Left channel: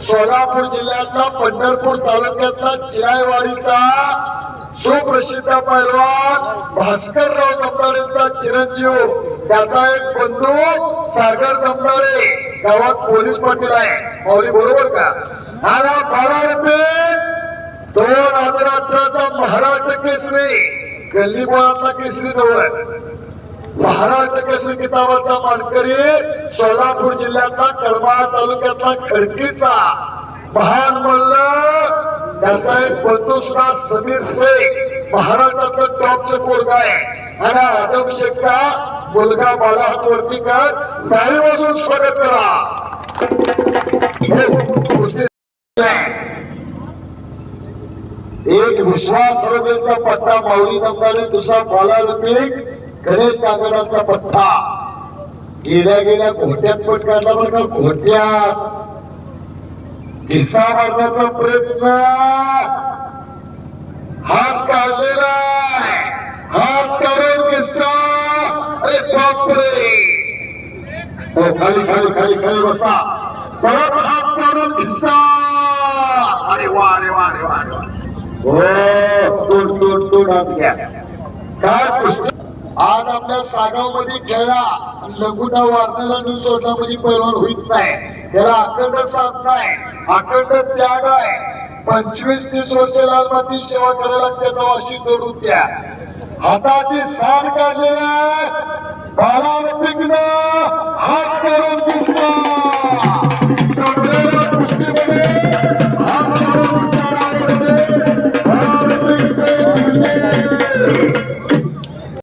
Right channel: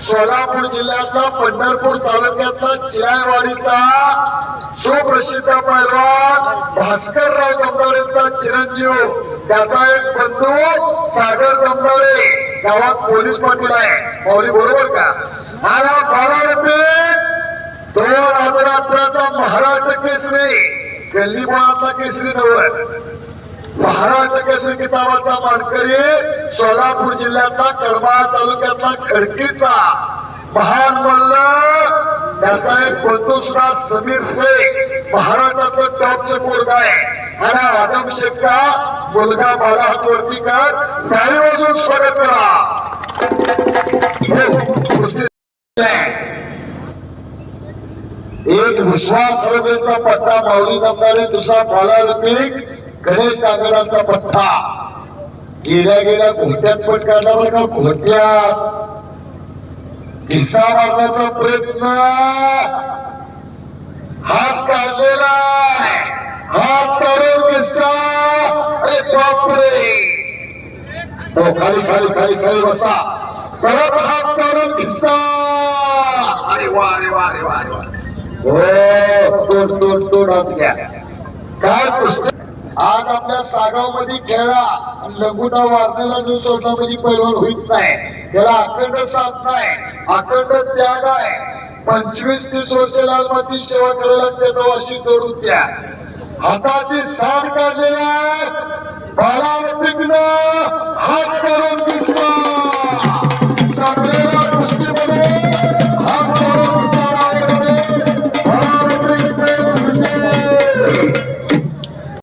सोलापूर जिल्ह्यातला पंढरपूर तालुक्यातला चिरायवाडीचा सुप्रसिद्ध पैलवान भास्करराव जमदारेंचा चिरंजीव. त्याचा एक बंधू सागर जमदारे गावात पोलीस पाटील आहे. माऊली बरोबर का? आला बारा रुपये दोन हजार अठराचा महाराष्ट्र केसरी. गल्ली केसरी नव्हतं महाराष्ट्र केसरी किताबाचा मानकरी सोलापूर जिल्ह्यातला करमाळा तालुक्यातला खडकीचा. महान मल्ल त्याचा एक बंधू सुद्धा समीर शेख महाराष्ट्रातलं टॉपचे पोरग आहे. आणि आदम शेखचा मुलगा बाला हातवरती कर. टाळी बाजून स्वागत करा. हो, एक विश्वास आरोग्याचा पट्टा माऊली जमणारे दुसरा बाला रुपीक गणेश कागदांचा पट्टा. गेल्या गेल्या घोट्यात पट काढला बरं का घोट्यात. किस्सा मारण्याचा प्रयत्न. हात काढलेला हात काढून किस्सा अरे बापरे. हो खाली खाली खाली खाली बसा. परत हात काढून किस्सा अरे वा अरे वा अरे वा अरे वा. हो तोड तोड तोड हात घ्या. काय पुस्तक आज आपल्या सागावमध्ये खेळला आणि लंगुटा वारण्याला सोडला म्हणजे पैलवान होईत नाही त्याला अखंड साथ नाही अखंड त्याग आहे. पंचवीस तीस वर्ष लाल माती सेवा करायला त्याचा वाशी जोडून द्या. हाताची साड काढलेला बाळावर